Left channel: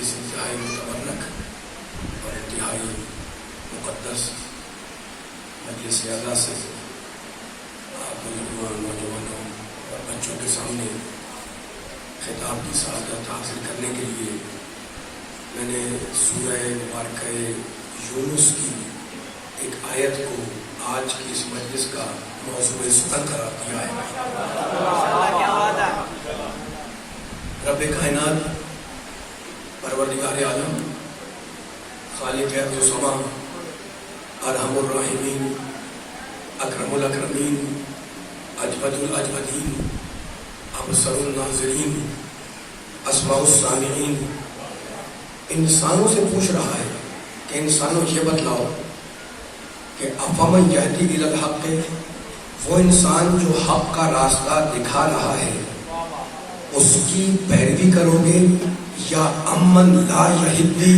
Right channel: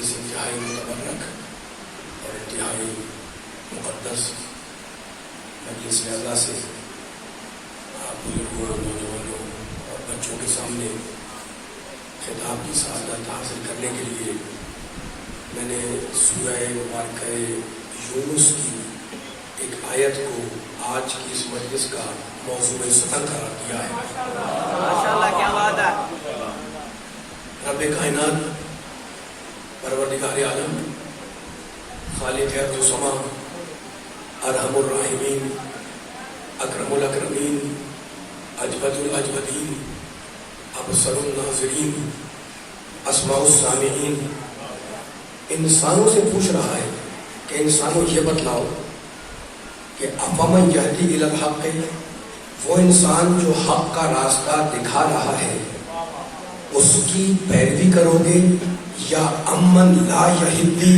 اس انتہائی متبرک اور انتہائی مقدس مجلس اعلیٰ سے آپ بزرگوں، نوجوانوں اور بچوں کے سامنے خطاب کی سعادت حاصل کرنے کے لیے میں نے سورہ مبارکہ یونس کی ایک آیت کو آج کی اس مجلس کا موضوع سخن قرار دیا ہے۔ رب کائنات، پروردگار عالم، خالق ارض و سما، ارحم الراحمین، اکرم الاکرمین، اجود الاجودین، ابصر الناظرین، اسمع السامعین، انسانوں سے پوچھ رہا ہے کہ انسانوں یہ بتلاؤ کہ افمن یہدی الی الحق، وہ انسان جو حق کا راستہ دکھا رہا ہے اس کی پیروی کرو گے، یا امن لا یہدی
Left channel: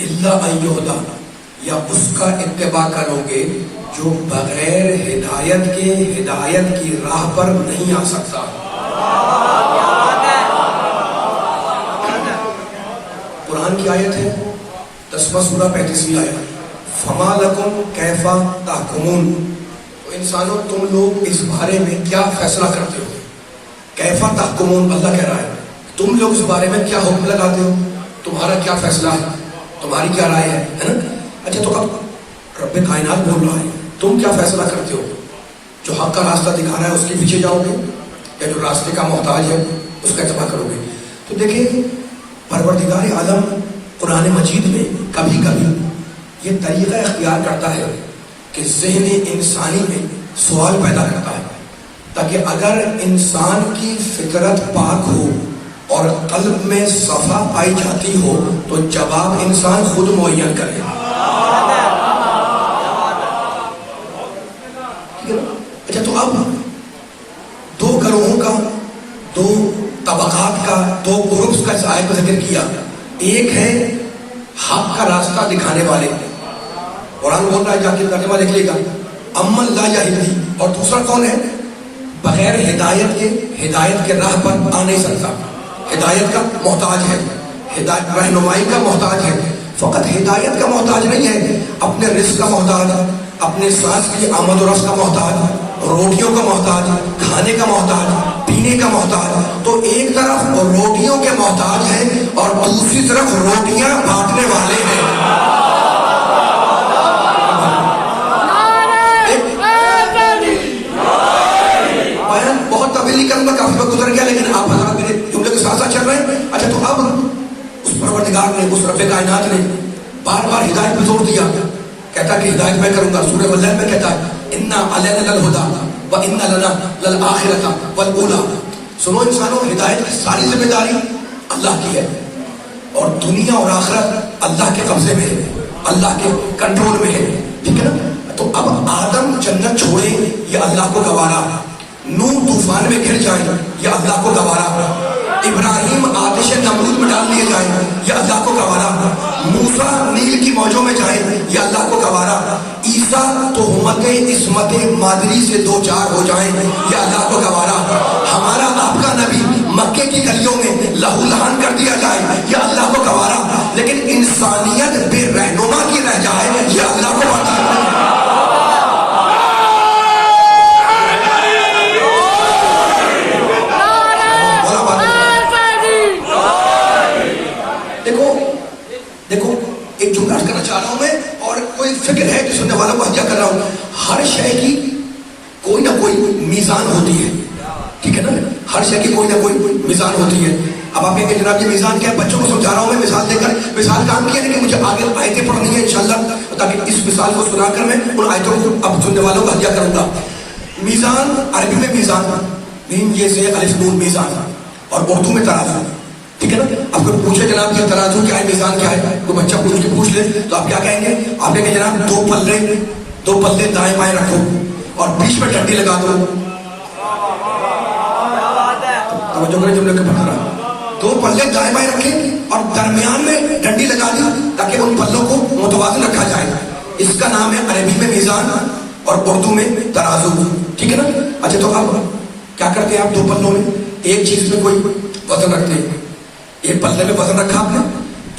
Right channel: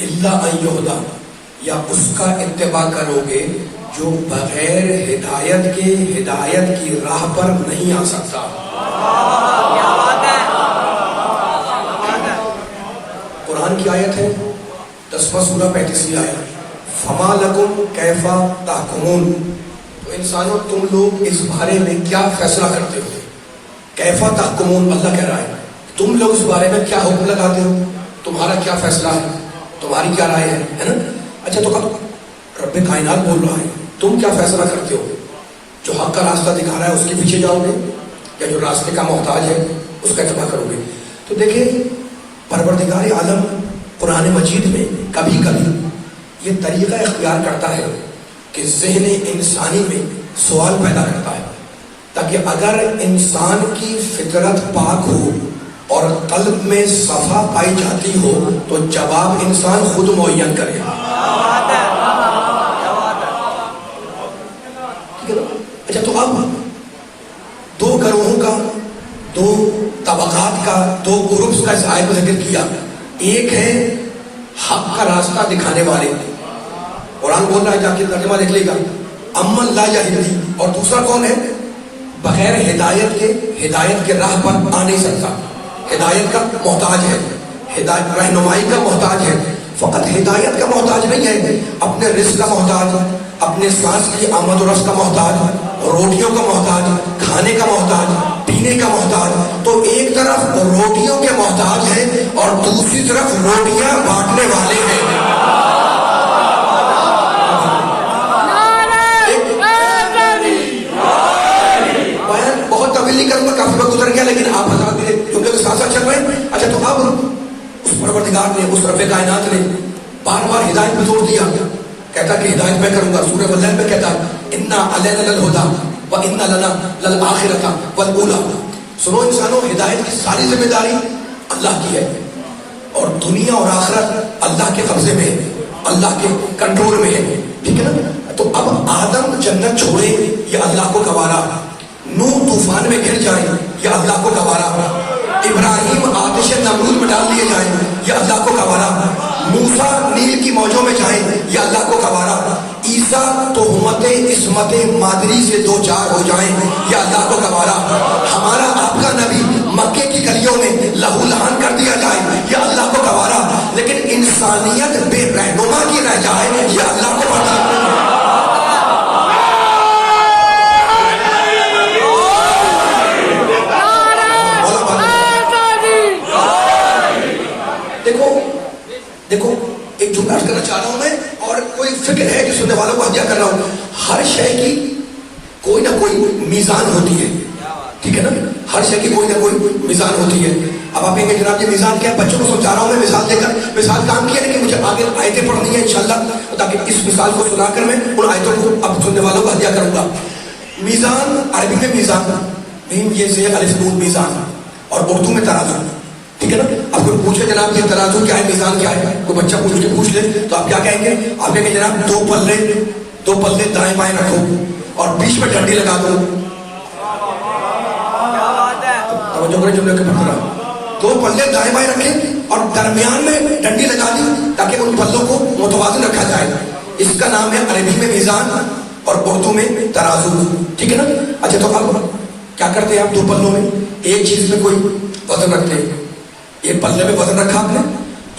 الا ان یہدی، یا اس کا اتباع کرو گے جو بغیر ہدایت کے ہدایت کی راہ پر نہیں آ سکتا۔ قرآن کی آیت ہے 10واں سورہ 35ویں آیت، فما لکم کیف تحکمون، تو انسانوں تم لوگ اس بارے میں کیا فیصلہ کرتے ہو؟ کیف تحکمون، اللہ کہہ رہا ہے تم لوگ اس بارے میں کیا حکم لگاتے ہو، تمہارا کیا فیصلہ ہے، تمہاری کیا رائے ہے نا؟ اچھا، تو اب رب کائنات بول رہا ہے تم کیا فیصلہ کرتے ہو؟ جو حق کا راستہ دکھا رہا ہے اس کے پیچھے جاؤ گے، یا جو راستے کا محتاج ہے اس کا اتباع کرو گے؟ تو دیکھیں، پروردگار عالم قرآن مجید میں کبھی کبھی یہ طریقہ اختیار کرتا ہے کہ ذہن انسانی میں سوال پیدا کرتا ہے، تاکہ اگر انسان کی فطرت پاک ہو اور قلب میں صفا پائی جاتی ہو تو جواب انسان خود معین کرے۔ اچھا، تو اب دو گروہوں کا، دو طبقات کا، دو گروپس کا اس آیت میں ذکر کیا۔ ایک ہے حق کا راستہ دکھانے والے، قرآن بول رہا ہے، جا کے ترجمہ لکھ لے گا، امن لا یہدی، اور دوسرا کون ہے؟ بغیر ہدایت کے راہ پر آ نہیں سکتا، ہدایت کا محتاج ہے، ہدایت رہنمائی کا محتاج ہے۔ فقط ہدایت کا محتاج نہیں ہے، اپنے رزق کا محتاج، اپنے سانس کی آمد و رفت کا محتاج، روٹیوں کا محتاج، کھانے کا محتاج، پینے کا محتاج۔ تو ایک طرف روٹیوں کے محتاج ہیں اور دوسری طرف روٹیاں بانٹنے والے ہیں۔ بہت طویل نہیں کروں گا، کافی وقت گزر گیا، لیکن آپ حضرات میرے جملے کے ساتھ ساتھ چل رہے ہیں۔ اچھا، تو اب اس پروردگار نے، اس رب کائنات نے بار بار ہدایت پہ زور دیا، کہتا کہ ہدایت میں کروں گا۔ سورہ واللیل میں کہتا ہے انا علینا للہدی وان لنا للآخرۃ والاولی، سنو انسانوں، ہدایت کی ساری ذمہ داری اللہ کی ہے، اور دنیا اور آخرت اللہ کے قبضے میں ہے، اللہ کے کنٹرول میں ہے، ٹھیک ہے نا؟ تو اب آدم جنت چھوڑے یہ اللہ کو گوارا، نوح طوفان میں گر جائیں یا اللہ کو گوارا، ابراہیم آتش نمرود میں ڈال لیے جائیں یا اللہ کو گوارا، موسیٰ نیل کی موجوں میں جائیں یا اللہ کو گوارا، عیسیٰ تہمت عصمت مادری سے دو چار ہو جائیں یا اللہ کو گوارا، ہمارا آپ کا نبی مکے کی گلیوں میں لہو لہان کر دیا جائے یا اللہ کو گوارا، لیکن انسانیت بے رہنما کی رہ جائے یا اللہ کو گوارا۔ دیکھو، ایک جملہ کرنا چاہ رہا ہوں میں، اور کوئی فکر ہے کہ سننے والوں کو ہدیہ کر رہا ہوں۔ ہر شے کی کوئی نہ کوئی میزان ہوتی ہے، ٹھیک ہے نا؟ ہر شے کی کوئی نہ کوئی میزان ہوتی ہے۔ اب آپ یہ جناب یہ میزان کیا ہے؟ بچوں کو سمجھا رہا ہوں میں، مثال دے کر، مثال کام کیا، لیکن مجھے آگے آیتیں پڑھنی ہیں انشاءاللہ، تاکہ اس مثال کو سنا کر میں ان آیتوں کو اب سننے والوں کو ہدیہ کروں گا۔ میزان، عربی میں میزان، میم یہ سے الف نون میزان، اور اردو میں ترازو، ٹھیک ہے نا؟ اب کوئی پوچھے جناب یہ ترازو کیا ہے، میزان کیا ہے، کوئی بچہ پوچھ لے تو آپ کیا کہیں گے؟ آپ کہیں گے جناب دو پلے دائیں بائیں رکھو اور بیچ میں ڈنڈی لگا دو۔ توجہ کریں جملے کے پتھر، دو پلے دائیں بائیں رکھے اور درمیان میں ڈنڈی لگا دی تاکہ ان پلوں کو متوازن رکھا جائے۔ اس کا نام ہے عربی میں میزان اور اردو میں ترازو، ٹھیک ہے نا؟ اچھا، تو اب کیا کرتے ہیں آپ؟ دو پلوں میں ایک چیز میں کوئی وزن رکھتے ہیں، ایک پلے میں وزن رکھا آپ نے،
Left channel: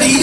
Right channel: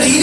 3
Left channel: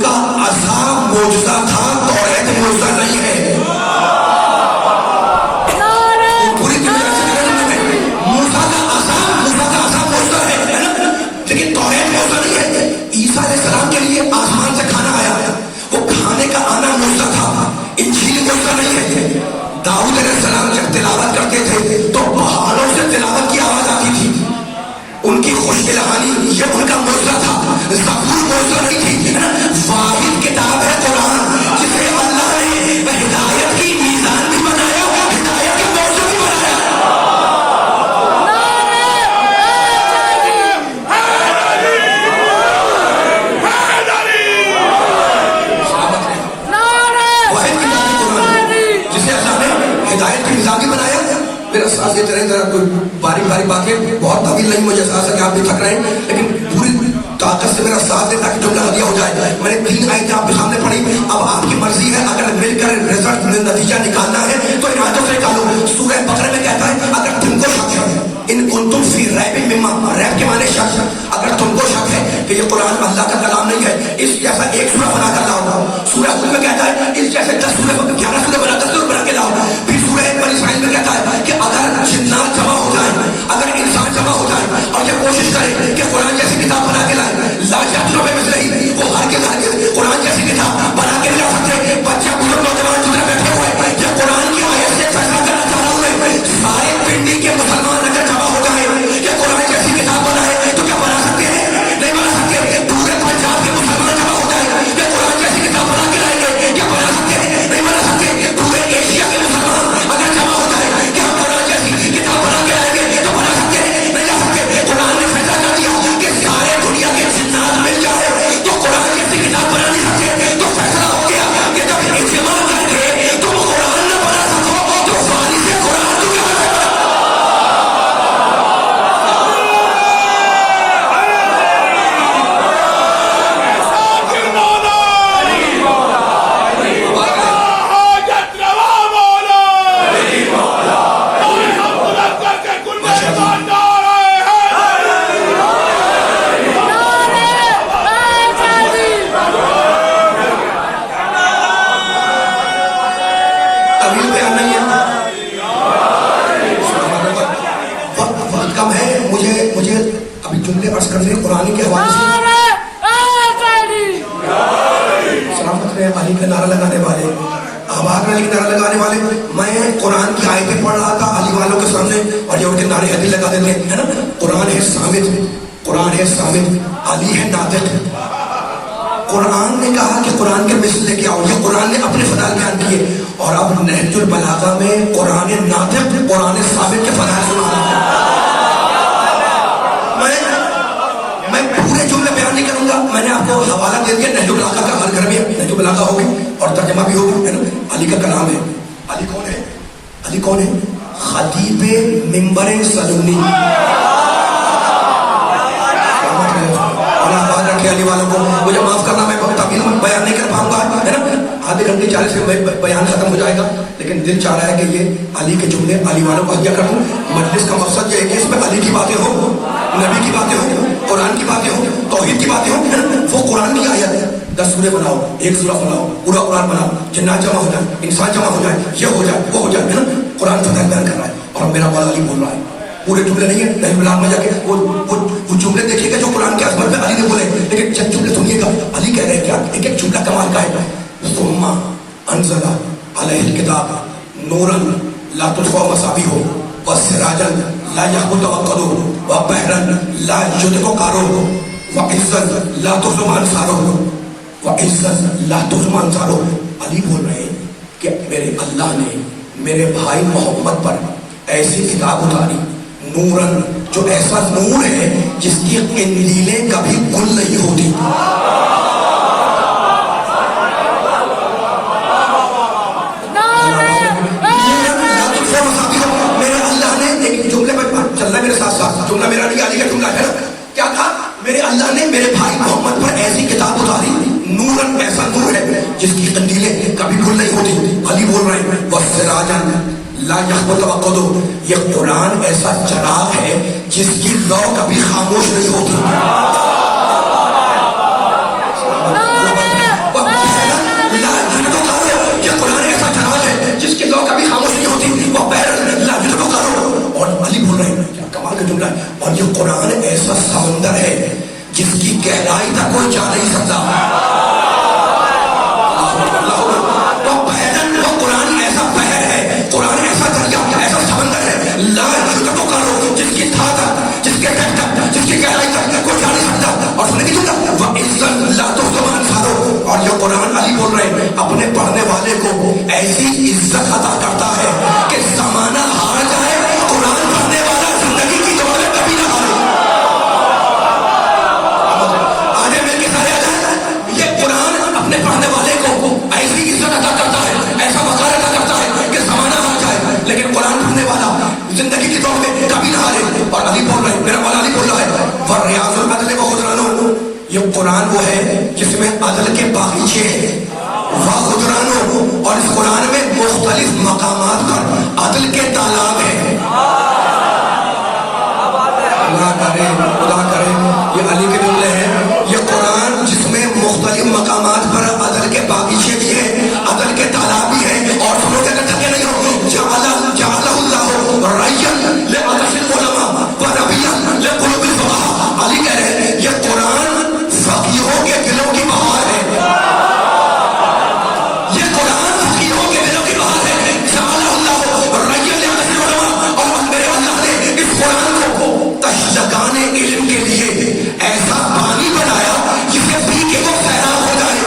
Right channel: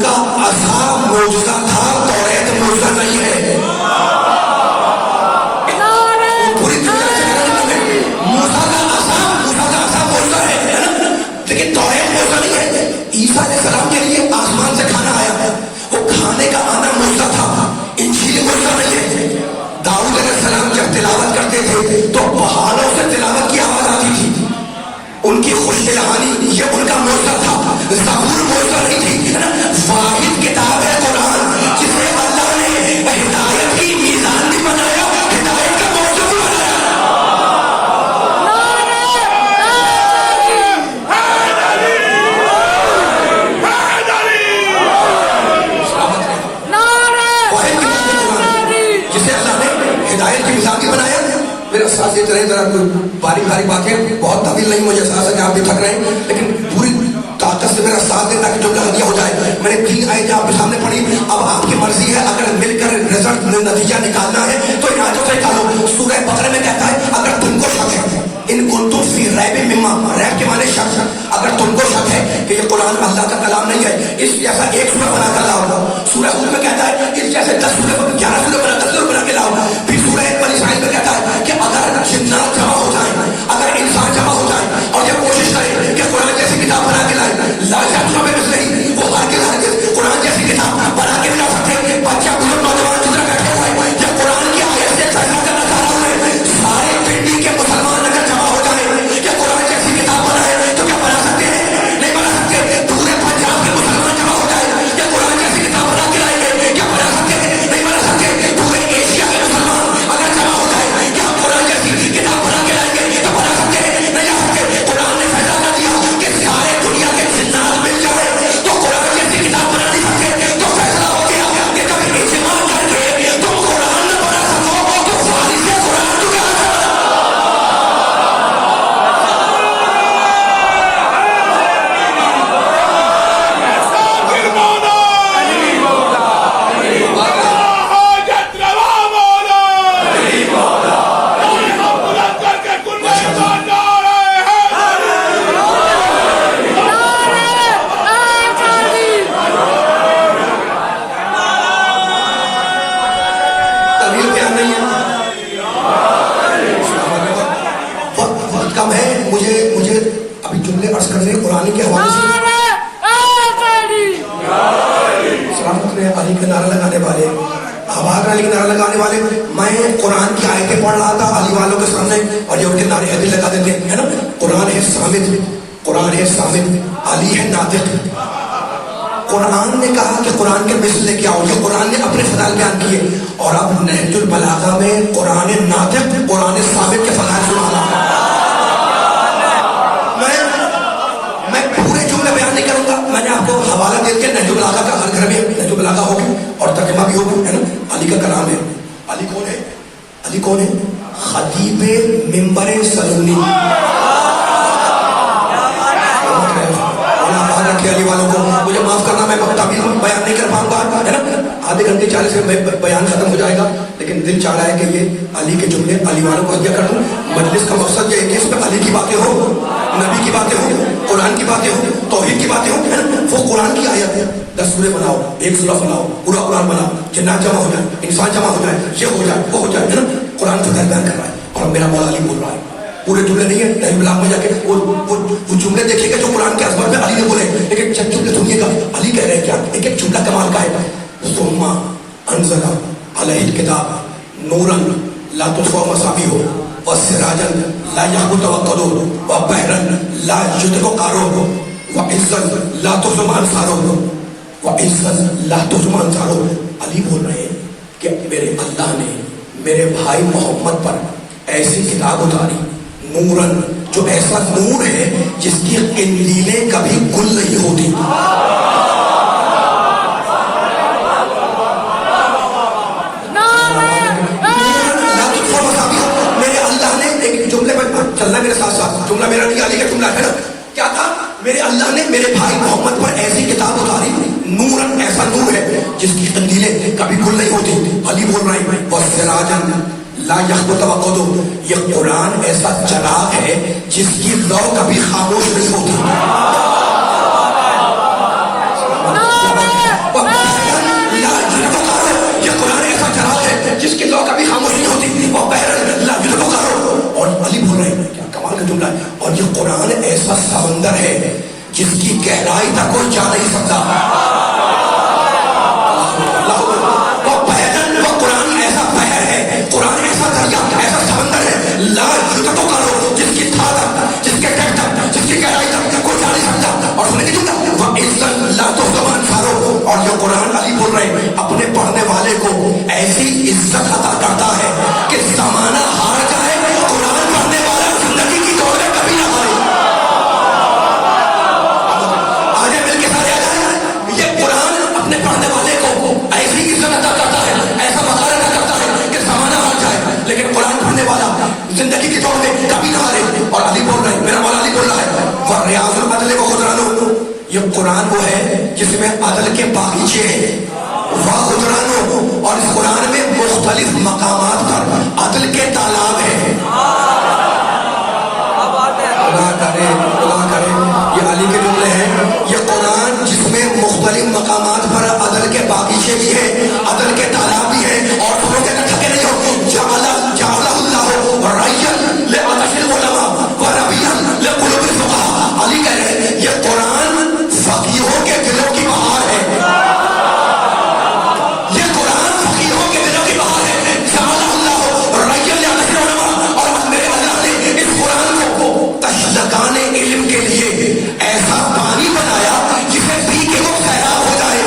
ان کا عصا معجزہ تھا، توریت معجزہ نہیں ہے۔ لیکن توریت معجزہ نہیں ہے۔ عیسیٰ علیہ السلام کے لیے آسمان سے کھانا آیا، وہ کھانے کا آنا معجزہ تھا، انجیل معجزہ نہیں ہے۔ داؤد علیہ السلام جب تلاوت کرتے تھے تو پہاڑوں سے تلاوت کی آواز آتی تھی، ان کی خوش الحانی یہ ان کا معجزہ تھا، زبور معجزہ نہیں تھی۔ واحد کتاب ہے قرآن جسے اللہ نے ہدایت کی میزان بھی بنایا، ہدایت کا معجزہ بھی بنایا۔ جسے اللہ نے ہدایت کی میزان بھی بنایا۔ میرا ساتھ دیتے رہے، ذرا کوئی باریک باریک باتیں، بہت طویل نہیں، مجھے احساس ہے کہ آپ بھی تھک رہے ہیں، لیکن پوری طاقت سے میرا ساتھ دیں تاکہ جملہ ہدیہ ہو جائے۔ میں نے 3 آیتیں آپ کے سامنے پڑھی، اب آپ کی مرضی ہے، اگر مل کر رزلٹ نتیجہ نکالنا ہے تو ان آیتوں سے نکالو۔ سورہ بقرہ میں کہتا ہے اگر تم کو شک ہے، ان کنتم فی ریب مما، ریب کے معنی شک، اگر تم کو شک ہے کہ یہ قرآن اللہ کا کلام نہیں ہے، اس جیسا ایک سورہ بنا کر لاؤ۔ سورہ ہود میں کہتا ہے اس جیسے 10 سورہ 11 سورہ بنا 10 سورہ بنا کے لاؤ۔ پھر سورہ بنی اسرائیل میں کہتا ہے کہ اگر جنات جمع ہو جائیں، اگر انسان جمع ہو جائے اور یہ کوشش کرے کہ قرآن جیسی کتاب بنا کے لائے، وہ ہرگز قرآن جیسی کتاب بنا کے لا سکتے۔ بچہ بزرگ نوجوان جتنا بیٹھے ہوئے جب قرآن کی آیت سے فیصلہ کرنا چاہ رہا ہوئے، سارے پنڈی کے مسلمان اگر جمع ہو جائے کہ قرآن جیسی کتاب بنائے تو کیا بنا سکتے ہیں؟ نہیں بنا سکتے۔ پورے پنجاب کے مسلمان جمع ہو جائے کہ قرآن جیسی کتاب بنا کے لائیں گے، کیا بنا سکتے ہیں؟ نہیں بنا سکتے۔ پورے ایشیا کے مسلمان اگر جمع ہو جائے کہ ہم قرآن جیسی کتاب بنا کے لائیں گے تو بنا سکتے ہیں؟ نہیں لا سکتے۔ قرآن نے فیصلہ کر دیا کہ سارے دنیا کے جنات مل جائے تو قرآن جیسی کتاب بنا نہیں سکتے، تو فیصلہ ہو گیا کہ جب اجماع کر کے تم قرآن نہ بنا سکو تو فارغ سے قرآن تو کیا بنا سکو؟ طویل بیان نہیں ہے، وقت کم ہے، مجھے ابھی جملے عرض کرنے قرآن کے حوالے سے۔ سلامت میں علی کا نعرہ لگانے والے، آباد علی کا نعرہ لگانے والے، میں قرآن کی آیتیں پڑھ رہا تھا علی والوں کے سامنے اور یہ ان کے نعرے ابھی لگا دیتے ہیں نا۔ قرآن ہے ثابت، قرآن ہے ثابت، علی ہے ناطق۔ قرآن نے کہا کہ قرآن کے مثل لے کے آؤ، یہ قرآن نے اپنے فضائل بیان کیے، اور اب نہج البلاغہ میں قرآن ناطق، قرآن ثابت کے فضائل سنا رہا ہوں۔ میں پورے جملے بیان نہیں کروں گا، میں نے آپ کو حوالہ دے دیا نہج البلاغہ کا، ہر گھر میں نہج البلاغہ ہوگی اور ترجمہ بھی ہوگی، ہے نا۔ علی کا کلام ہے۔ علی کون ہے؟ علی کون ہے؟ خطیب منبر سلونی۔ بات رکھے علی والوں کو، مجھے معاف کرنا، میں تعبیر میں بیان نہیں کر پاؤں گا، ہے نا۔ آدھے گھنٹے 40 میں بیان ختم ہو جائے گا، لیکن دل چاہ رہا ہے کہ یہ علی کے جملے علی والوں کو ہدیہ کر دوں۔ مجلس کا مقصد یہ ہے کہ اس میں علی کی باتیں ہوں، نبی کی باتیں ہوں، قرآن کی باتیں ہوں، توحید کی باتیں ہوں، ہے نا۔ وہ قرآن کی آیت ہے، 10 سورے بناؤ، 1 سورہ بناؤ، پورا قرآن بناؤ، جنات جمع ہو جائے، انسان جمع ہو جائے، یہ ہو جائے، وہ ہو جائے، ہے نا۔ قرآن فضائل بیان کر رہا ہے اور میرا مولا علی بول رہا ہے۔ پورے جملے نہیں ہے، نہیں بلاغ میں جا کے وہ جملے دیکھیے گا جو قرآن کے عظمت میں علی نے بولے، لیکن چند جملے سنیے گا علی کہہ رہے ہیں کیا، ایک ایک جملہ کمال کا ہے۔ ثم انزل علیہ الکتاب نورا لا تطفئ مصابیح وسراجا لا یحبط وقدہ وبحرا لا یدرک قعرہ وعزا لا تہزم انصارہ وعزا لا تہزم انصارہ۔ علی بول رہے ہیں کہ میرے اللہ نے میرے بھائی محمد پر ایسی کتاب اتاری، نورن، جو ایسا نور ہے جس کی قندیلیں کبھی گل نہیں ہوتی۔ میرے اللہ نے ایک جملے پر چلنا میرے ساتھ ساتھ، جملہ میرا نہیں، علی کا جملہ ہے نا۔ کیا تھا؟ میرے اللہ نے میرے بھائی محمد پر ایسی کتاب اتاری، نورن، ایسا نور ہے جس کی قندیلیں کبھی گل نہیں ہوتی۔ علی بول رہے ہیں وسراجا لا یحبط وقدہ، یہ قرآن ایسا چراغ ہے جس کی لو کبھی خاموش نہیں ہوتی۔ کا جملہ ہے. اور یہ قرآن ایسا سمندر ہے جس کی گہرائی تک کوئی جا نہیں سکتا. وہ قرآن ایسا بحر ہے, قرآن ایسا دریا, ایسا سمندر ہے, لا جرأت کرو جس کی تھا تک, جس کے ٹک تک, جس کی گہرائی تک کوئی جا نہیں سکتا. اور سننے کی جملہ وہ عزت لا تو زبان کھارو. اور یہ قرآن علی بول رہے ہیں اپنے پڑھنے والے کو ایسی عزت عطا کرتا ہے کہ زمانہ ہار جائے, قرآن پڑھنے والا زندگی کی دوڑ میں کبھی نہ ہارے. آگے مل کے سارے آ جائیں. یہ قرآن اپنے پڑھنے والے کو ایسی عزت عطا کرتا ہے, ایسا وقار عطا کرتا ہے کہ زمانہ ہار جائے, لیکن قرآن پڑھنے والا زندگی کی دوڑ میں کبھی نہ ہارے. اور علی بول رہے ہیں, میرا مولا علی بول رہا ہے فریاض العدل و خضرانو, یہ قرآن وہ ہے جس میں عدل کے باغیچے ہیں. خضرانو, اور اس قرآن میں مختلف مقامات پر عدل کے تالاب ہیں. اللہ کرے یہ علی کے جملے ہیں. یہ قرآن جس میں مختلف مقامات پر عدل کے باغیچے بھی ہیں, عدل کے تالاب بھی ہیں. اور تم لوگ اگر تھکے نہیں ہو, جعلہ اللہ رعیًا لعطش العلماء وربیًا لقلوب الفقہاء. علی کہہ رہے ہیں یہ قرآن فقیہوں کے دلوں کی بہار ہے. یہ قرآن فقیہوں کے دلوں کی بہار ہے. جعلہ اللہ رعیًا لعطش العلماء, اور میرے اللہ نے اس قرآن کو تشنگان علم کے لیے ایسا پانی بنایا جسے پی کے وہ سیراب ہو جائے.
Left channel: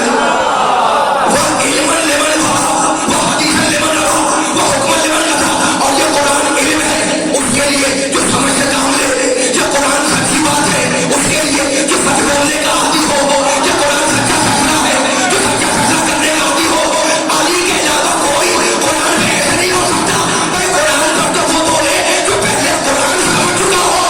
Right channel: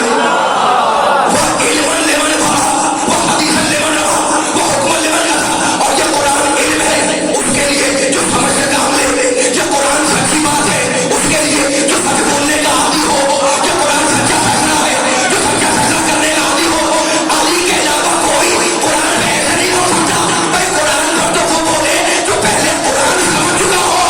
وہ علم لمن بھرا, وہ حدیث لمن رہا, وہ حکم لمن کہا. اور یہ قرآن علم ہے اس کے لیے جو سمجھ سے کام لے. یہ قرآن سچی بات ہے اس کے لیے جو سچ بولنے کا عادی ہو. یہ قرآن سچا فیصلہ ہے جو سچا فیصلہ کرنے کا عادی ہو. علی کے علاوہ کوئی قرآن میں ایسا نہیں ہو سکتا. بھائی قرآن پر تو وہ بولے جو پہلے قرآن سمجھ چکا ہو.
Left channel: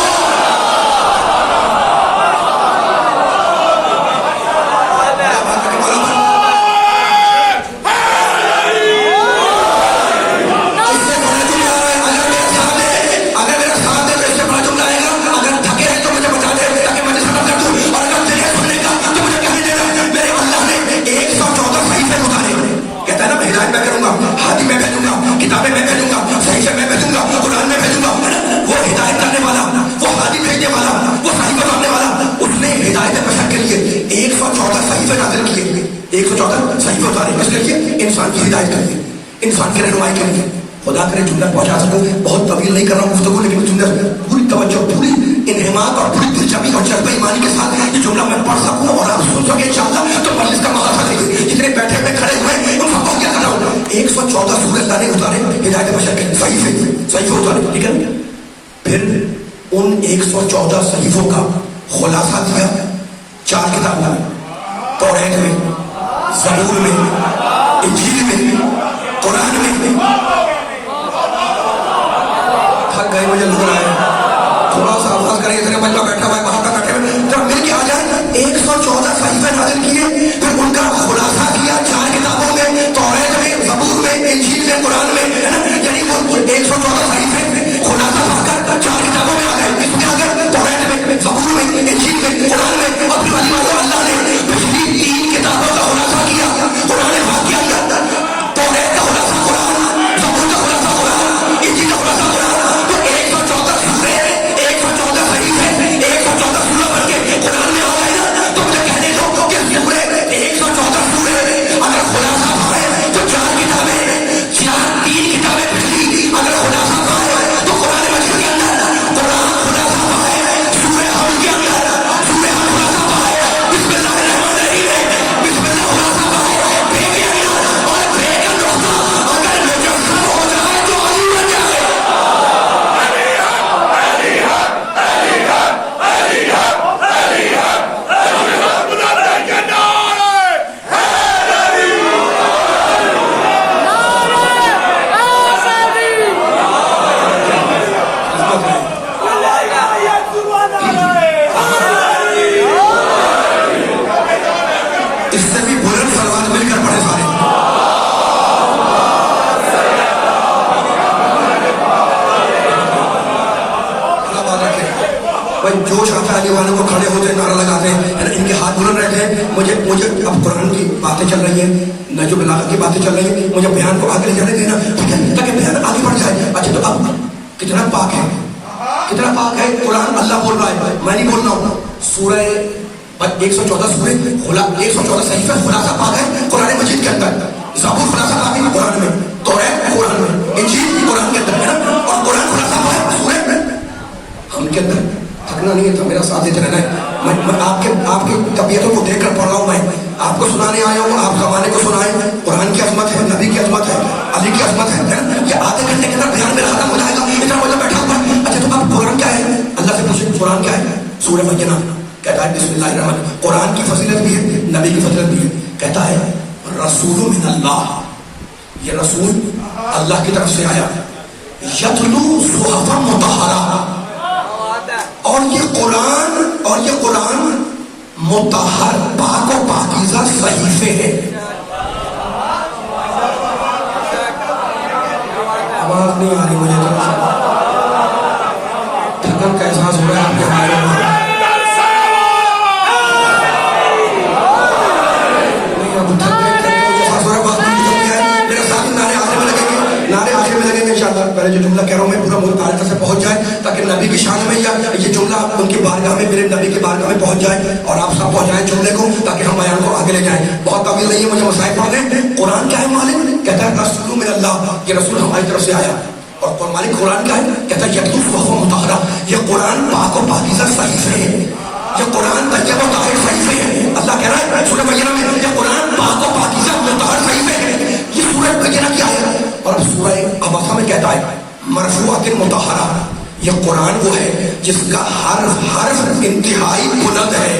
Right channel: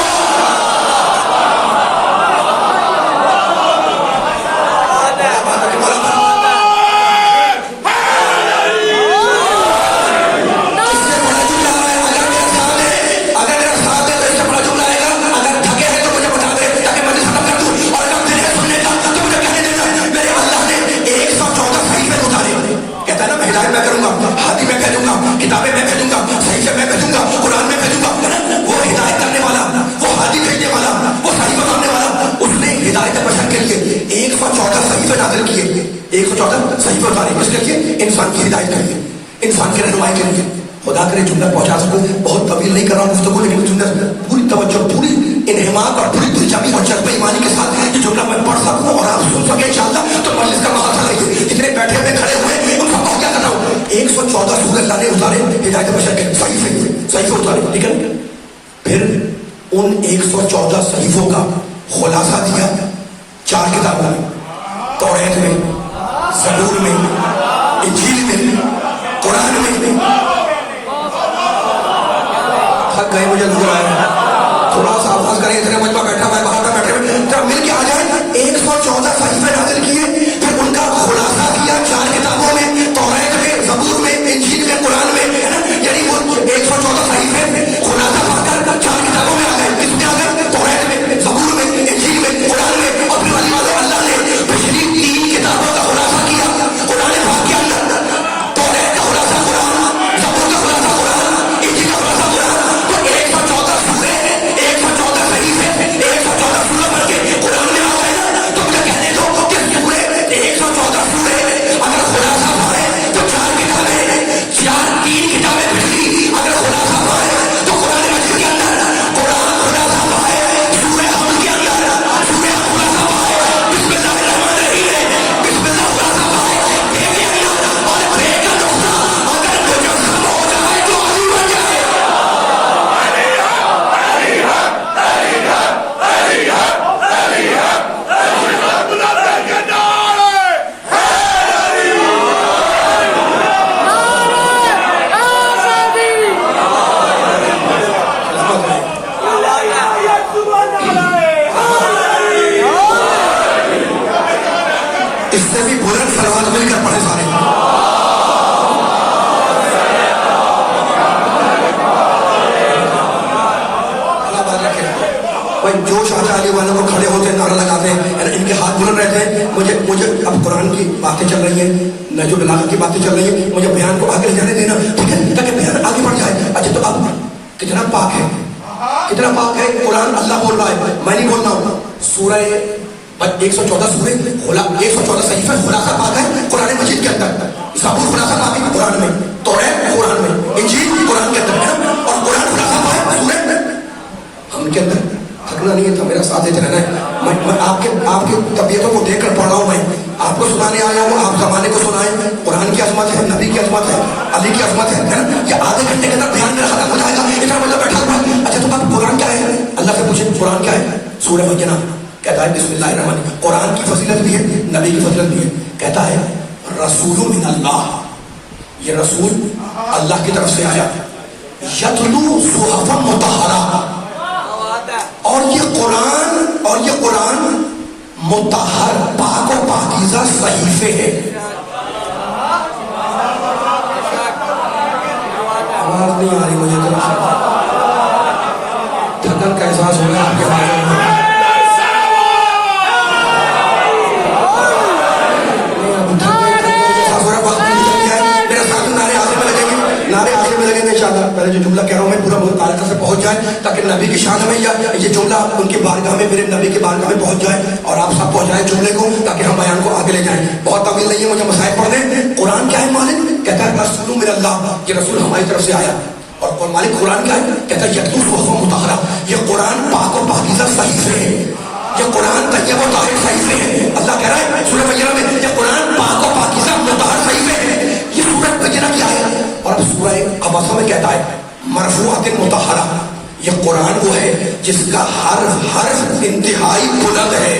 انسان کی ہدایت کریں, انسان کی رہنمائی کریں. خدا کرے جملہ پہنچا سکوں. بہت طویل نہیں کر رہا ہوں گفتگو, لیکن جملہ پوری توجہ, پوری انہمات اور پوری دلچسپی اور جذبہ ایمانی کے ساتھ یہ جملہ میں پڑھ سکوں اور آپ سن سکیں انشاءاللہ تو مجلس کا مقاصد ہے. جتنے بیٹھے ہوئے کھڑے ہوئے ان سب کو کیا کر رہا ہوں. 114 سورہ اللہ نے اتارے ہدایت بشر کے صحیفے اتارے, ٹھیک ہے. پھر ان 114 صحیفوں کا خلاصہ دیا 4 کتابوں میں, توریت میں, زبور میں, انجیل میں, قرآن میں. تھک گئے مجھے لگ رہا ہے, تھوڑا سا آواز کریں. اتنے مجمع بیٹھا ہوا ہے, باہر کا بیٹھے ہوئے, جب مل کے آ جائے 114 صحیفے نازل کیے, پھر ان کا خلاصہ کیا 4 کتابوں میں, توریت میں, زبور میں, انجیل میں, قرآن میں, ہے نا. یعنی وہ 114 صحیفے خلاصہ پا کر 4 کتابوں میں آ گئے. اس میں آ گئے توریت میں, زبور میں, انجیل میں, قرآن میں. اور پھر والی بات اللہ نے پچھلی 3 کتابوں کا خلاصہ کیا. قرآن پاک کے اندر توریت کا خلاصہ قرآن, زبور کا خلاصہ قرآن, انجیل کا خلاصہ قرآن. تو 114 سورے, 114 صحیفے, 114 سورہ پڑھ کے قرآن میں آ گئے نا. تو مجھے کہنے دو کہ سورے 114 سورے اگر خلاصہ پائے تو 4 کتابیں, 3 کتابیں پچھلی اگر خلاصہ پائے تو قرآن مجید کے اندر قرآن خلاصہ پائے, سورہ حمد کے اندر سورہ حمد خلاصہ پائے, بسم اللہ الرحمن الرحیم, بسم اللہ خلاصہ پائے. بے کے اندر اور بے کا نقطہ اگر مجسم ہو جائے تو علی بن جائے. اس سے بھی بلند سلوات مل کر پڑھے سارے. بھائی جوش آتا ہے علی والوں کو, کھڑے ہوتے ہیں, نعرہ لگاتے ہیں, ان کے ہاتھ بلند رہتے ہیں. مجھے اب قرآن کی باتیں چل رہی ہیں, نجم بلاغت کی باتیں چل رہی ہیں, مجھے بیان کو آگے لے جانے دینا, ٹھیک ہے, تاکہ بیان آگے بڑھ جائے. اچھا تو اب کتنا پاک ہے, کتنا پاک ہے قرآن. اللہ بول رہا ہے, میں نہیں بول رہا ہوں. سورہ 114 سورہ 114 صحیفہ خلاصہ پاک ہے قرآن مجید کے اندر. زبور خلاصہ پاک ہے قرآن میں, توریت قرآن میں, انجیل قرآن کے اندر ہے, اور قرآن خلاصہ پاک ہے سورہ میں. ہم کے اندر تھکنا نہیں ہے تو میرا ساتھ دیتے رہنا ہے. میں آپ کی طبیعتوں کو دیکھ کر پڑھ رہا ہوں. میں آپ کو سنانے آیا ہوں, آپ زمانے کو سنائیں. قرآن کی عظمت ہے, نبی کی عظمت ہے, علی کی عظمت ہے. یہ آدھے گھنٹے کے اندر بیان میرا ختم ہو جائے گا, اتنا مطلب بیٹھا ہوا ہے. اچھا تو اب قرآن کیا ہے؟ اللہ سے پوچھیں قرآن کیا ہے. سورہ بینہ کہتا ہے بسم اللہ الرحمن الرحیم. قرآن کی فضیلت بھی ہے, نبی کی فضیلت بھی ہے. کہتا ہے رسول من اللہ, یہ رسول اللہ کی طرف سے آیا. یتلو صحفا مطہرہ, اور یہ قرآن مطہر پاک و پاکیزہ صحیفے ہیں. آواز نہیں آ رہی مجھے, تھکن کا احساس ہو رہا ہے آپ کے بارے میں. پہلے جو جملہ کہہ رہا ہوں میں پورا مبارکہ سے پہنچ جائے تاکہ نبی کی شان میں یہ جملہ ان کی بارگاہ میں, میرے نبی کی بارگاہ میں پہنچ جائے, اور آپ سب پہنچ جائیں جملے کو تاکہ ہم بیان کو آگے لے جائیں. بہت طویل نہیں ہے, مجھے مسائل پڑھنے. قرآن کیا ہے مالک؟ کہتا ہے رسول من اللہ, یہ رسول ہماری طرف سے آیا. اور مالک قرآن کیا ہے؟ کہتا ہے یتلو صحفا مطہرہ, یہ قرآن پاک و پاکیزہ صحیفے ہے, یہ قرآن طیب و طاہر صحیفے ہے. اللہ کہہ رہا ہے سورہ بینہ میں یہ قرآن پاک و پاکیزہ مطہر صحیفے ہے. یہ سورہ بینہ کیا ہے؟ اور سورہ عباسہ میں کہتا ہے مرفوعات مطہرہ, یہ قرآن وہ ہے جس کا ہر حرف انتہائی بلند ہے.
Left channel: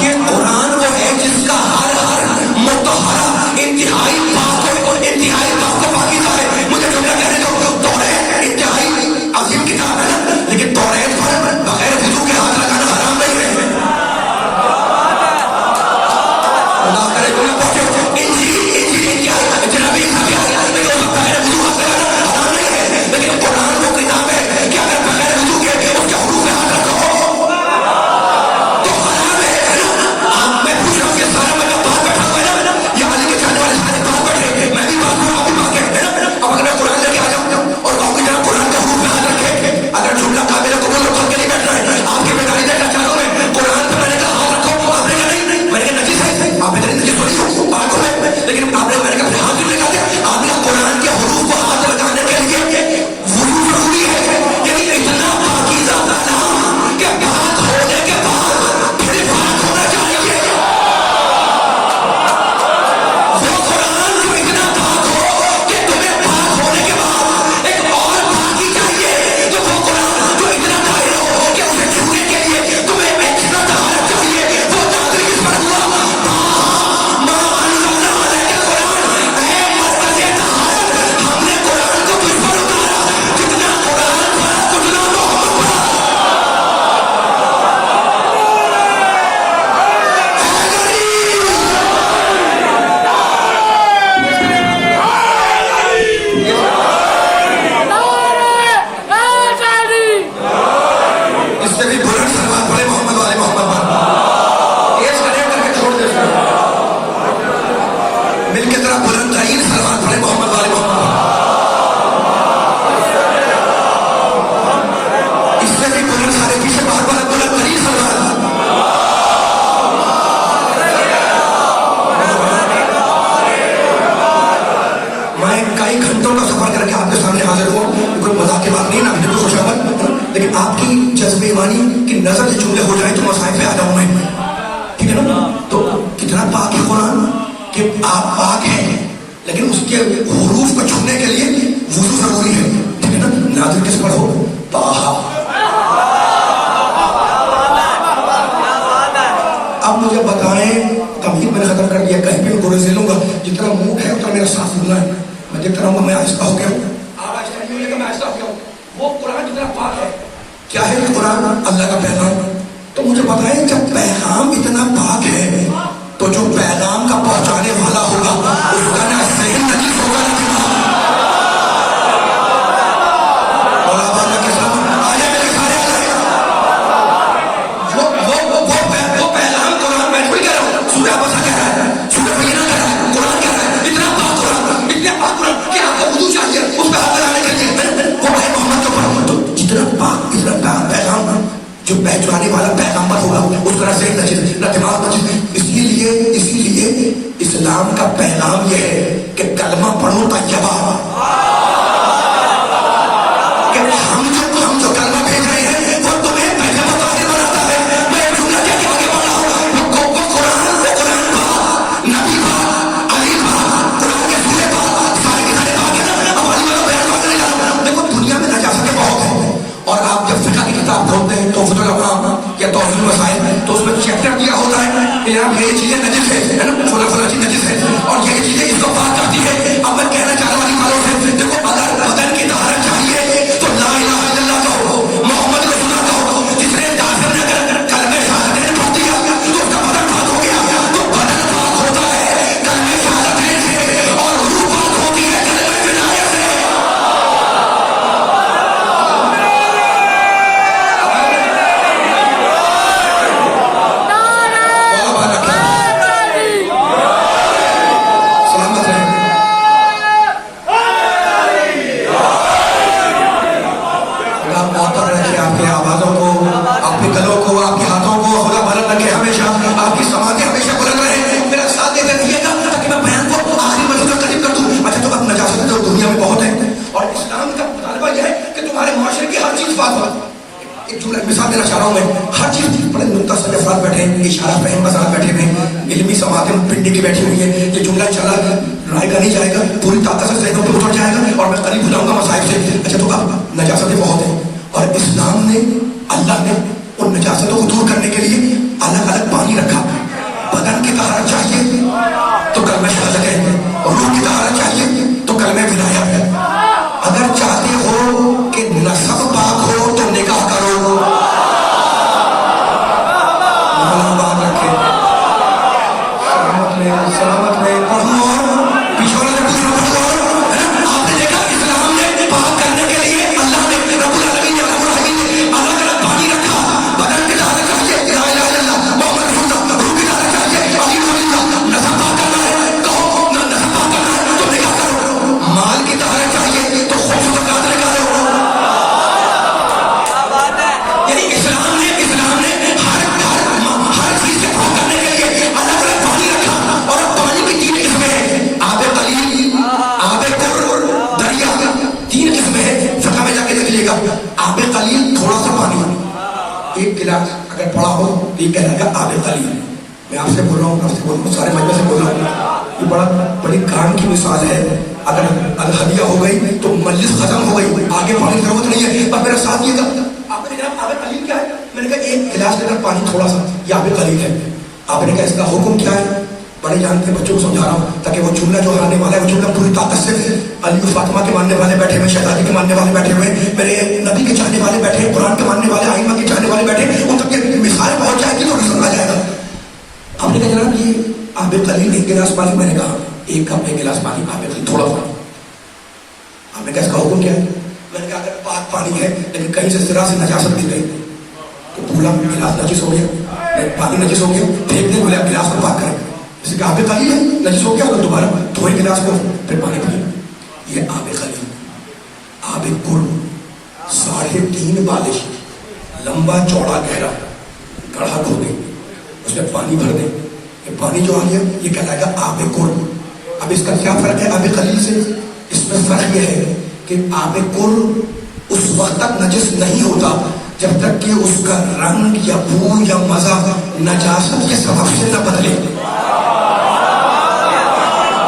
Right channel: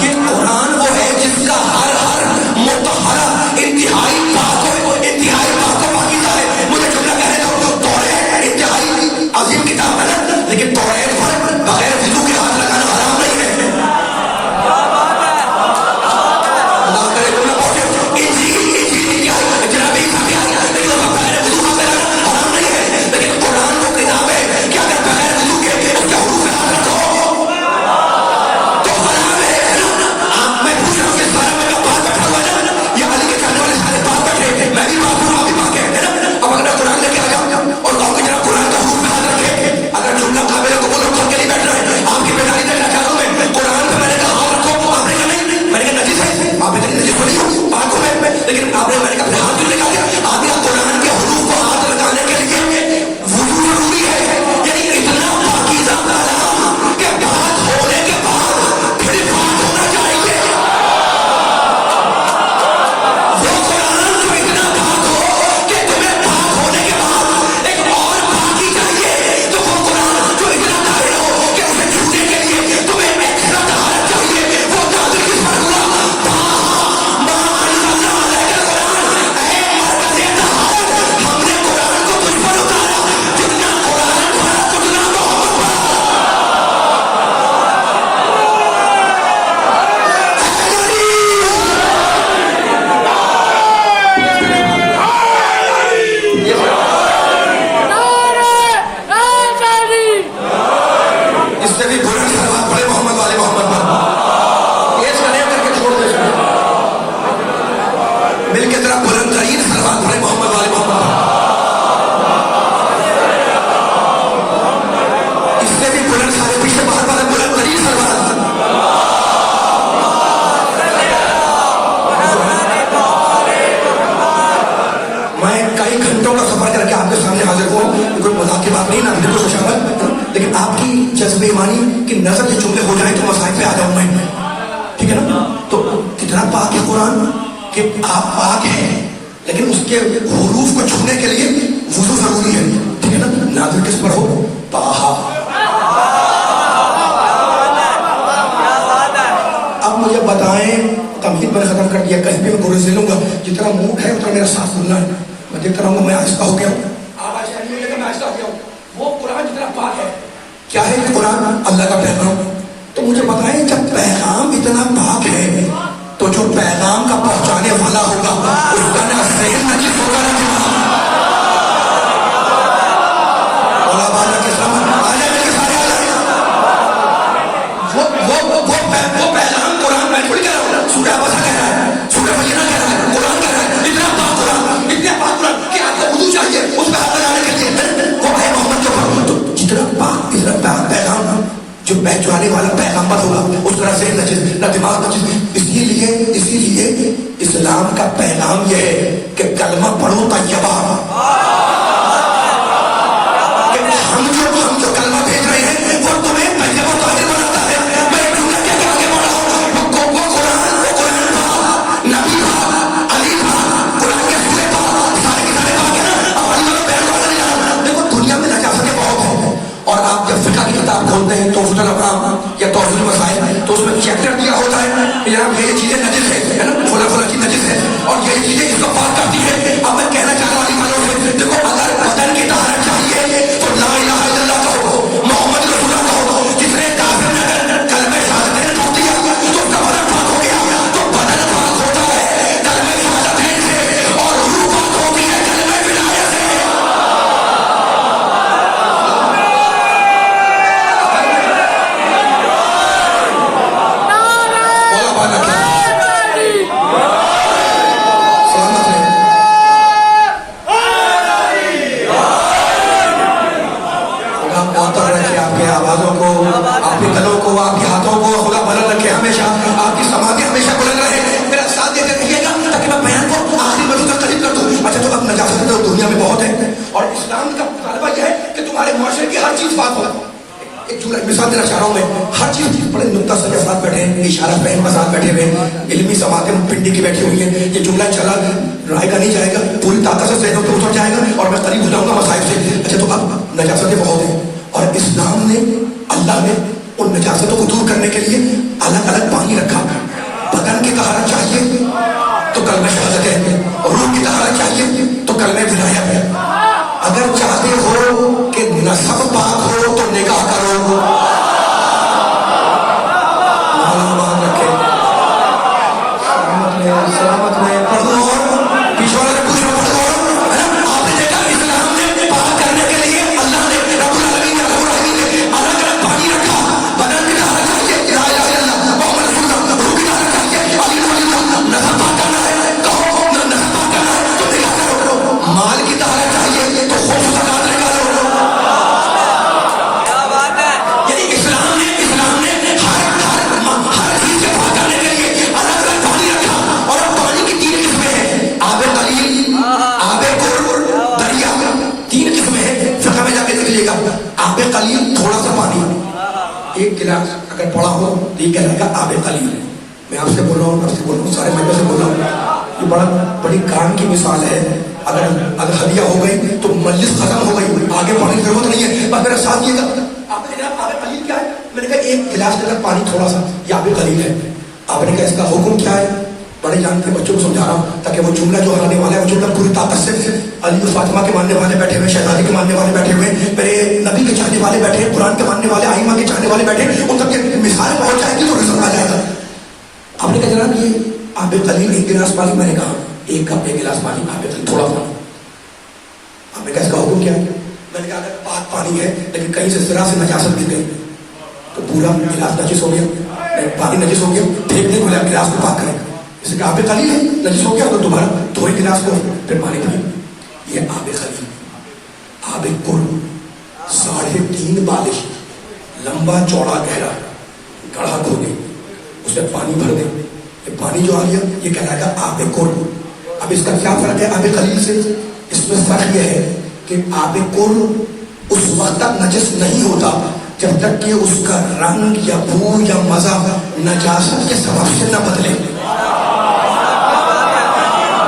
یہ قرآن وہ ہے جس کا ہر حرف مطہرہ انتہائی پاک ہے, انتہائی پاک و پاکیزہ ہے. مجھے جملہ کہنے کا توریت انتہائی عظیم کتاب ہے, لیکن توریت پر بغیر وضو کے ہاتھ لگانا حرام نہیں ہے. اللہ کرے تو نہ پہنچے. نظر کے جملے ہو جائیں تو مسائل پہ آ جاؤں میں, ٹھیک ہے نا. تو کتنا پاک ہے قرآن کہ آپ پاک ہیں, لیکن اس کے حروف کو چھونے کے لیے وضو ضروری ہے, ٹھیک ہے نا. نازل کس پر ہو؟ طٰہٰ. اب مجھے بتائیں, تمہید میں نے ختم کر دیا, کہیں بھی میں گوڑے سے لوں گا, جتنا منہ ہے اتنا میرا ساتھ لوں گا. میں دیکھتا رہوں گا میں آہستہ ہو گیا ہوں, آواز نہیں لے کر میں آہستہ ہو گیا ہوں. وہ قرآن جتنا پاک ہے. کیا ہے یہ قرآن؟ اللہ کا پیغام. تو مجھے بتائیں جب پیغام اتنا پاک ہے تو جو پیغام کا پہنچانے والا ہوگا اس کا نہ ذہن نجس ہوگا نہ دماغ. وہ پیغام قرآن میں تھوڑی کہہ رہا ہوں, سورہ بسا کہہ رہا ہے, سورہ بینہ کہہ رہا ہے, قرآن کہہ رہا ہے اتنا پاک قرآن, اتنا پاک قرآن کہ آپ کو وضو چاہیے اس پہ ہاتھ لگانے کے لیے. وہ ہے محمد کے اوپر جو پہچانے والا پیغمبر ہوگا اس کا ذہن نجس نہ دماغ نجس. اسی لیے اسلام کا پیغام یہ ہے کہ کلمہ پڑھو طیبہ. کہ ہم جو کلمہ بھیج رہے ہیں وہ تمہیں طیبہ طاہر بناتا ہے. میں ایک جملہ کہہ کے آگے بڑھ رہا ہوں. وہ قرآن نبی علی قرآن کے سورے سارے کے سارے باغ ہیں. اب علی والا بیان کرنے نہیں جا رہا. دیکھو دنیا میں نجاستیں بہت ہیں اور آپ جب فقہ کی کتاب کھولتے ہیں توفیق الافہام یا توضیح المسائل تو اس میں چیپٹر دیا ہوتا ہے کہ جناب یہ چیزیں نجس ہے نا, فلاں چیز نجس ہے اور یہ چیزیں اس کو پاک کرتی ہے. اب میں کہنا چاہ رہا ہوں سے دیکھو اگر بدن کی طہارت چاہیے تو لا الہ الا اللہ کہو, محمد رسول اللہ کہو. جس نے کافر نے کلمہ شہادت نے پڑھ دیا تو اس کا بدن پاک ہو گیا. تو بدن پاک ہوتا ہے کلمہ شہادت سے اور روح پاک ہوتی ہے کلمہ ولایت سے. آپ کے دلوں کو, آپ کے ہاتھوں کو خدا بلند رکھے ہمیشہ. آپ کی سماعتیں ہمیشہ بلند رہے. میرا ساتھ دیتے رہیے گا تاکہ میں بیان کو آخری بجے تک قریب کر دوں. اچھا تو اب نجاستیں تو دنیا میں بہت ہیں اور اسلام کا مطالبہ یہ ہے کہ تمہارے معاشرے کی ہر چیز بات ہو. ایک جملہ مثال دینا چاہ رہا ہوں میں. ہر چیز بڑے نقطہ سجا ساتھ بیٹھے ہیں, اشارہ فہم کے ساتھ بیٹھے ہوئے, علمی سماعتیں پنڈی کی بیٹھی ہوئی ہیں. یہ جملہ چلا رائے کا نہیں جائے گا, پوری طاقت سے ذہنوں پہ اتر جائے گا اور میں قریب ہو جاؤں گا مسائل سے. اچھا تو اب نجاستیں بہت ہیں اور اسلام نے, اللہ نے ان نجاستوں کو دور کرنے کے لیے الگ الگ پانی رکھا. بدن کی طہارت چاہیے تو کلمہ شہادت ہے, روح کی طہارت چاہیے تو کلمہ ولایت ہے. اگر چاہتے ہو کہ نسب پاک ہو تو نکاح کرو. مولا بات رکھے, سلامت رہے. پڑھو پیچھے والے پوچھ رہا پڑھو. آپ نے دیکھا اسلام نے پاک کرنے کے لیے اللہ نے رب العالمین الگ الگ پانی رکھا. بدن کی طہارت چاہیے لا الہ الا اللہ محمد رسول اللہ, روح کی طہارت چاہیے علی ولی اللہ, نسب پاک کرنا ہے کہو نسب پاک کرنا ہے تو نکاح کرو. مال کی طہارت چاہیے تو خود زکات نکالو. یعنی اسلام نے ہر چیز سے پاک کرنے کے لیے الگ الگ پانی رکھا. اور اب پانی کی 3 قسمیں ہیں, آب قلیل, آب قر, دریا. 3 قسمیں ہیں. فقہ میں جا کے دیکھ لیجیے گا. آب قلیل تھوڑا سا پانی, 1 گلاس اگر پڑا ہو تو یہ کہہ رہے گا آب قلیل. میں آپ سے بول رہا ہوں, آپ سے بول رہا ہوں, سارے مجمع سے بول رہا ہوں. یہ بڑی کام کی مثال ہے. اگر ہدیہ ہو گئی تو مجلس ختم ہو گئی, آگے پانی کی ضرورت نہیں ہے. بس میرا ساتھ یہ گا. آپ نے کہا آب قلیل کیا ہے؟ میں نے کہا 1 گلاس اگر پانی تھوڑا سا, یہ آب قلیل ہے. آپ نے کہا اس کا حکم کیا ہے؟ بڑے جان کے بچوں کو سمجھا رہا ہوں تاکہ وہ جملہ جو آنے والا ہے وہ جملہ پوری طاقت سے. علی و فاطمہ کے ماننے والے بیٹھے ہوئے, شہزادی کے ماننے والے بیٹھے ہوئے, میرے نبی کے چاہنے والے بیٹھے, قرآن کے ماننے والے, آئمہ کے چاہنے والے بیٹھے, ان تک مثالیں پہنچ جائے گی تو رزق آ جائے گا. آپ نے کہا جناب یہ آب قلیل 1 گلاس پانی. میں نے کہا 1 کپ 1 گلاس پانی آب قلیل تھوڑا پانی. آپ نے کہا اس کا حکم کیا ہے؟ میں نے کہا اگر پاک پانی ہے لیکن کہیں سے ذرا سے نجاست گر گئی تو پورا گلاس نجس ہو گیا, پانی نجس ہو گیا, پھینک دیں گلاس کو پاک کریں. جیسے کہ آب قلیل ہے, نجس ہو گیا, دوبارہ دھوئے گلاس کو پھر پانی پئیں. یہ آب قلیل. آب قر 3.5 بالش, لمبا چوڑا گہرا, گڑھا کھو گئی, اس میں پانی بھر دیں. یہ پانی جو آ گیا یہ کہلائے گا آب قر. اب اس کا کیا فرق ہے آب قلیل سے؟ اس میں فرق یہ ہے کہ آب قر اس وقت تک نجس نہیں ہوتا جب تک کہ اس کا رنگ یا بو یا مزہ نجاست کے سبب سے نہ بدلے.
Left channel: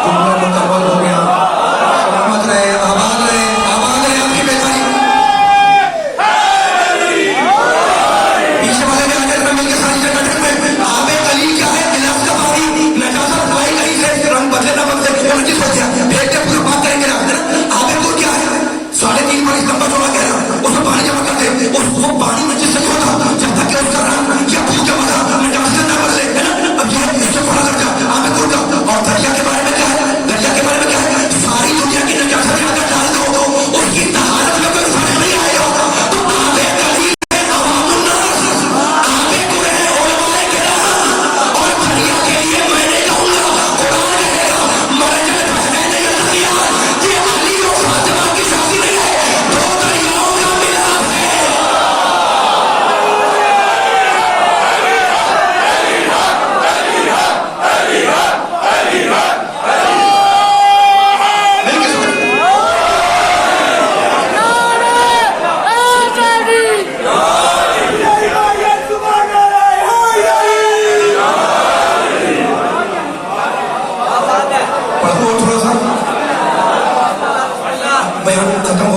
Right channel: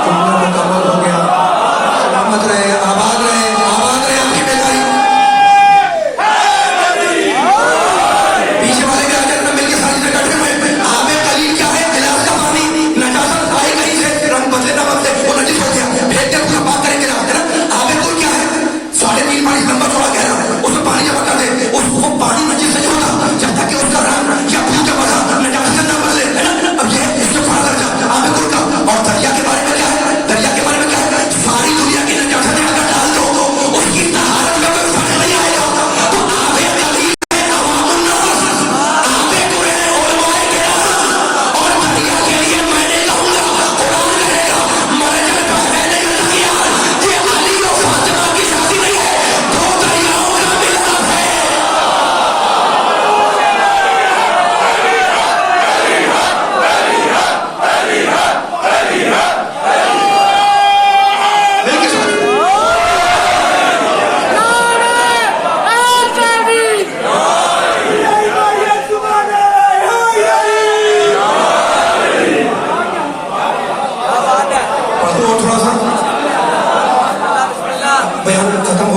جملہ مکمل ہو گیا. سلامت رہے, آباد رہے, آباد رہے آپ کی بیداری. پیچھے والے کے آگے مل کے ساتھ بیٹھے ہوئے. آب قلیل کیا ہے؟ گلاس کا پانی نجاست آئی نہیں سے رنگ بدلے نہ بدلے وہ نجس ہو گیا, پھر جب پورا بات کریں گے نا. آب قر کیا ہے؟ 3.5 بالش لمبا چوڑا گہرا, اس میں پانی جمع کر دے. وہ پانی نجس نہیں ہوتا جب تک کہ اس کا رنگ یا بو یا مزہ نجاست نہ بدلے, ہے نا. اب یہ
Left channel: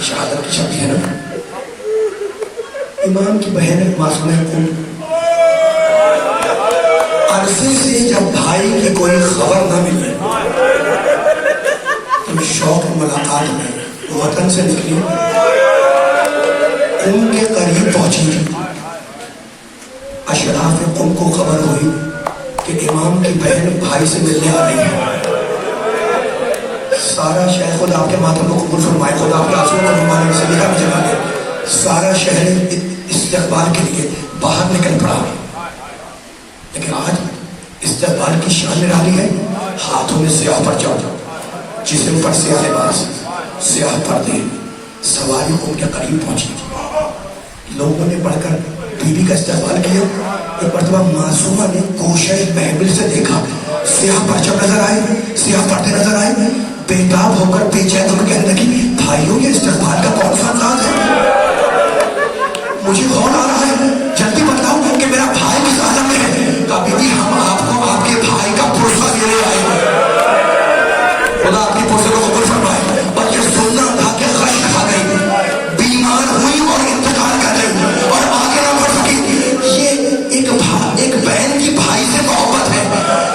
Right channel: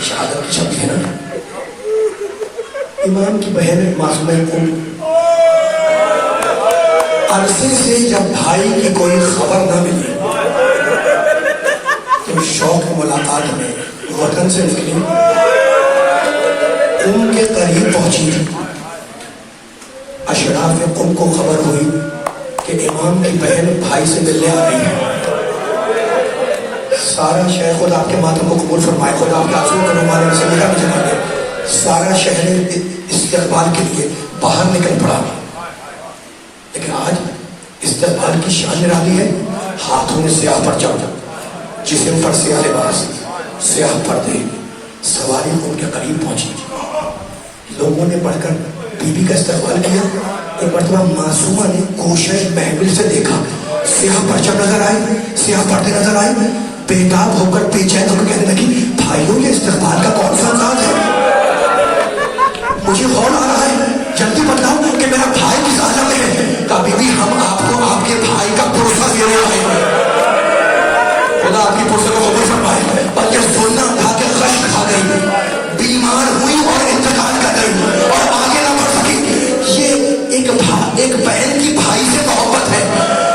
شہادت کی شبی ہے نا. امام کی بہن معصومہ عرصے سے جب بھائی کی کوئی خبر نہ ملی تو شوق ملاقات میں وطن سے نکلی قم کے قریب پہنچی. اشراف قم کو خبر ہوئی کہ امام کی بہن بھائی سے ملنے آ رہی ہے. سارا شہر خود آپ کے ماتم کو قبول فرمائے, خود آپ کے آنسوؤں کو رومال میں سے لکھا بھی جما دے. سارا شہر استقبال کے لیے باہر نکل پڑا. لیکن آج استقبال کی شان نرالی ہے. ہاتھوں میں سیاہ پرچم, جسم پر سیاہ لباس, سیاہ پردے, سواری ان کے قریب پہنچی. لوگوں نے پڑھ کر بی بی کا استقبال کیا. ایک مرتبہ معصومہ نے کوشش محمل سے دیکھا, سیاہ پرچم نظر آئے, سیاہ پردے نظر آئے. بےتاب ہو کر بے چین ہو کر کہنے لگی, بھائیوں یہ استقبال کا کون سا انداز ہے؟ مجھے غور آ رہا ہے, جلدی بتلاؤ کہ میرا بھائی کس عالم میں ہے. کبھی بھی ہم آپ کو آپ کے بھائی کا پروسہ دینے آئے ہیں. خدا آپ کی پروسے کو قبول فرمائے. پر یہ سننا تھا کہ غش کھا گئی, بیمار ہوئی اور انتقال کر گئی اور آگے نہ بڑھ سکی. یہ ایک بہن کی بھائی سے محبت ہے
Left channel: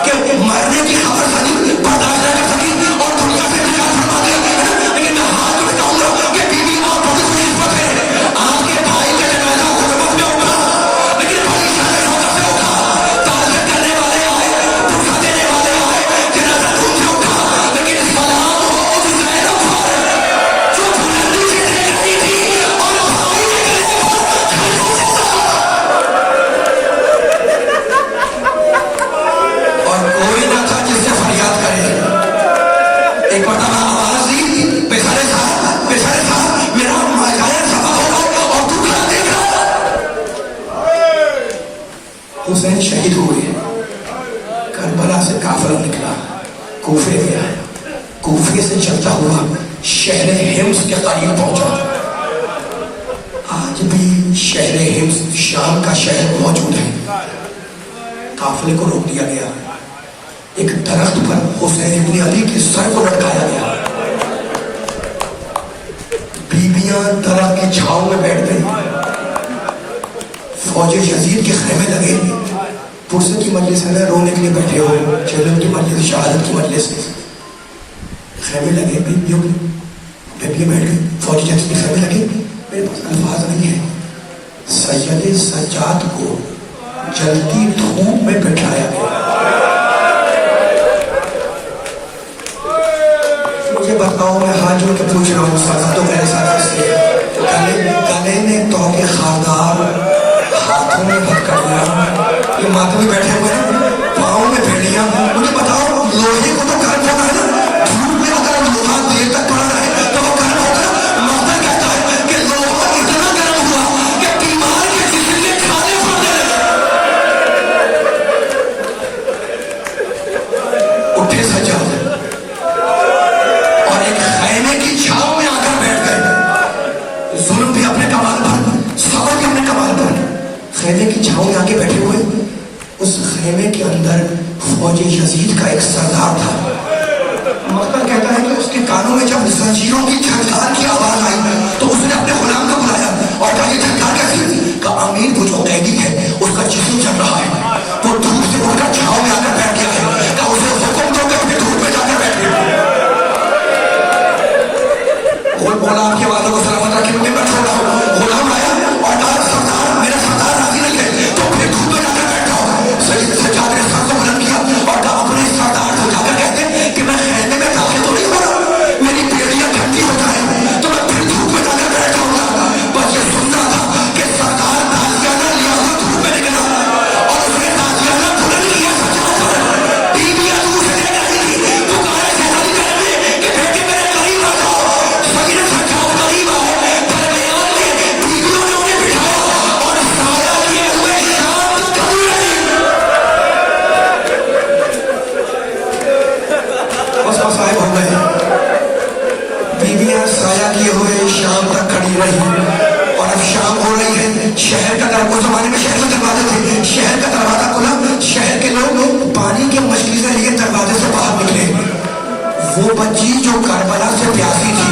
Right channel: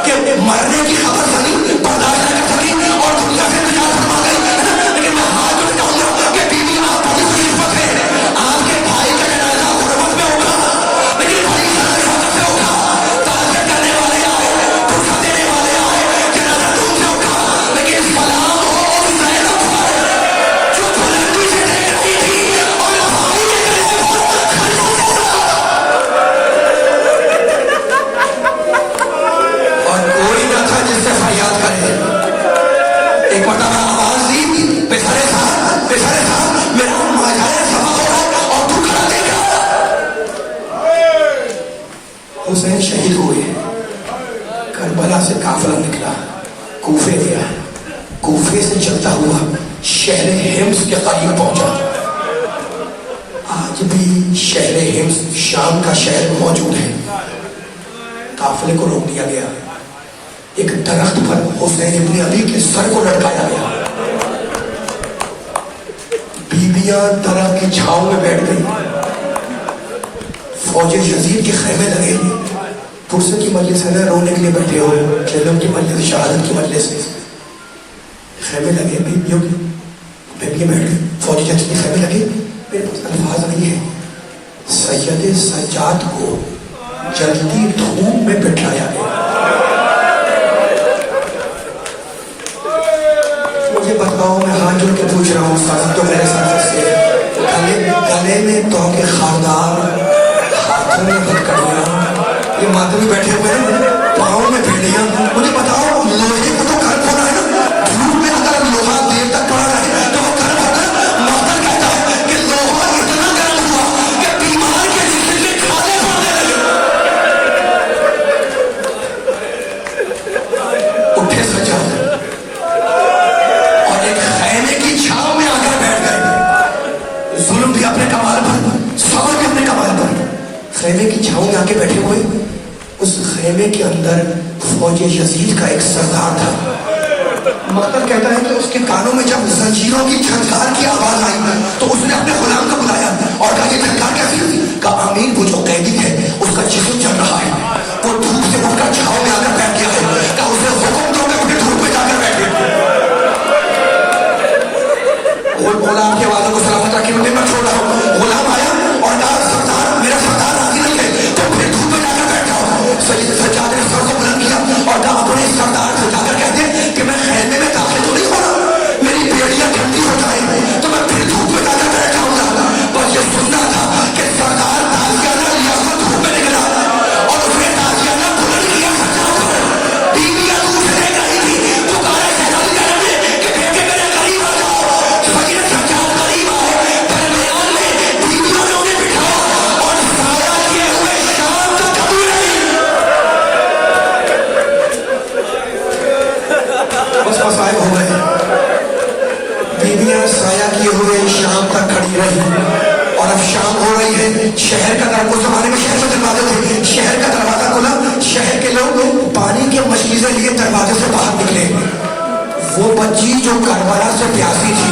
کہ مرنے کی خبر سنی, برداشت نہ کر سکی اور دنیا سے نکال فرما گئی. لیکن میں ہاتھ جوڑ کہوں گا کہ بیوی آپ بڑی خوش نصیب ہے. آپ کے بھائی کا جنازہ غربت میں اٹھا, لیکن بڑی شرف سے اٹھا. تعزیت کرنے والے آئے, پرسہ دینے والے آئے, جنازہ دور سے اٹھا. لیکن سلام ہو اس زین اٹھا جو بلندی سے ٹھہرتی تھی اور بھائی کے گلے پر اور کوئی نہ تھا جس سے فریاد کرے. ایک مرتبہ آواز دی, بسرے صاحب میرا ماجائے سبق ہو رہا اور تو کھڑا دیکھ رہا. حسین شہید ہوئے. کربلا سے قافلہ نکلا, کوفے گیا. کوفے سے چلتا ہوا شہر حمص کے قریب پہنچا. آج بھی شہر حمص شام کا شہر موجود ہے. قافلے کو روک دیا گیا. ایک درخت پر حسین ابن علی کے سر کو لٹکایا گیا. بیویاں درخت کی چھاؤں میں بیٹھ گئی. فوج یزید کے خیمے لگے. پرسے کی مجلس ہے, رونے کے لیے بیٹھے ہو, جنت کی مجلس, شہادت کی مجلس, خیمے لگے. بیویاں بیٹھ گئی. فوج یزید کے خیمے لگے. میرے پاس الفاظ نہیں ہے. سید سجاد کو جلتی دھوپ میں بٹھایا گیا. مجھے بتاؤ, میں ہاتھ جوڑ کے پوچھ رہا ہوں, ساتھ تو میرے ساتھ سے گلے میں توقع خاردار, ہاتھوں میں ہتکڑیاں, یہ ماتھے میں بیٹھے ہوئے ہیں, پاؤں میں بھیڑیاں. مجھے بتاؤ, لوہے کو تو گرم ہونا ہے نا. دھوپ میں اگر لوہا دیر تک پڑا رہے تو وہ گرم ہوتا ہے. ماہر کہتا ہے کہ لوہا اتنا گرم ہوا کہ بیمار کے جسم میں کھانے پڑنے لگے. اٹھے سجاد اور ایک خیمے کی چھاؤں میں آ کر بیٹھ گئے. ظلم بھی اپنے کمال پر, صبر بھی اپنے کمال پر. خیمے کی چھاؤں میں آ کے بیٹھے ہوئے. اس خیمے کے اندر فوج یزید کا ایک سردار تھا. مقتل کہتا ہے کہ اس کے کانوں میں جب زنجیروں کی جھنکار کی آواز آئی تو اس نے اپنے غلام کو بلایا اور کہا, یہ جھنکار کیسی؟ کہا, امین وہ جو قیدی ہے اس کا جسم جل رہا ہے, وہ دھوپ سے اٹھ کر چھاؤں میں آ کر بیٹھ گیا ہے. کہا اسے حکم دو کہ اپنے دھوپ میں جا کر بیٹھے. بولا آپ کے والوں کو سلامت رکھے, مجھے میں چھوڑ رہا ہوں. غلام آیا اور کہا, سردار میرا سردار راضی نہیں ہے تو پھر دھوپ میں جا کر بیٹھ جاؤ. سید سجاد نے سر کو بلند کیا اور کہا, اپنے سردار کو جا کر کہتے کہ میں خیمے میں داخل تو نہیں ہو رہا, میری بیڑیاں ٹھنڈی ہو جائیں تو میں پھر دھوپ میں جا کر بیٹھ جاؤں گا. بس یہ سننا تھا کہ سردار تازیانہ لیا ہوا دھوپ میں نکلا اور اس نے تازیانہ بلند کیا سردار پر. بیویاں دوسرے نہیں تھی, پکارے سلام کرنے کہ بیٹے میرے قریب آ جاؤ. سید سجاد قریب آئے, درمیان میں بیویوں نے انہیں بٹھایا اور سایہ کیے ہوئے شام تک کبھی نہیں. بس مسائل ہو گئے. بیویاں سایہ کیے ہوئے شام تک کھڑی رہی اور اب شام ہو رہی ہے. شہر کا دروازہ, اس زمانے میں شہر میں دروازے تھے, شہر کا دروازہ کھلا. شہر کے لوگ پانی کے مشکیزیں لیے دروازے سے باہر نکلے. وہ بچی جو کربلا سے پیاسی تھی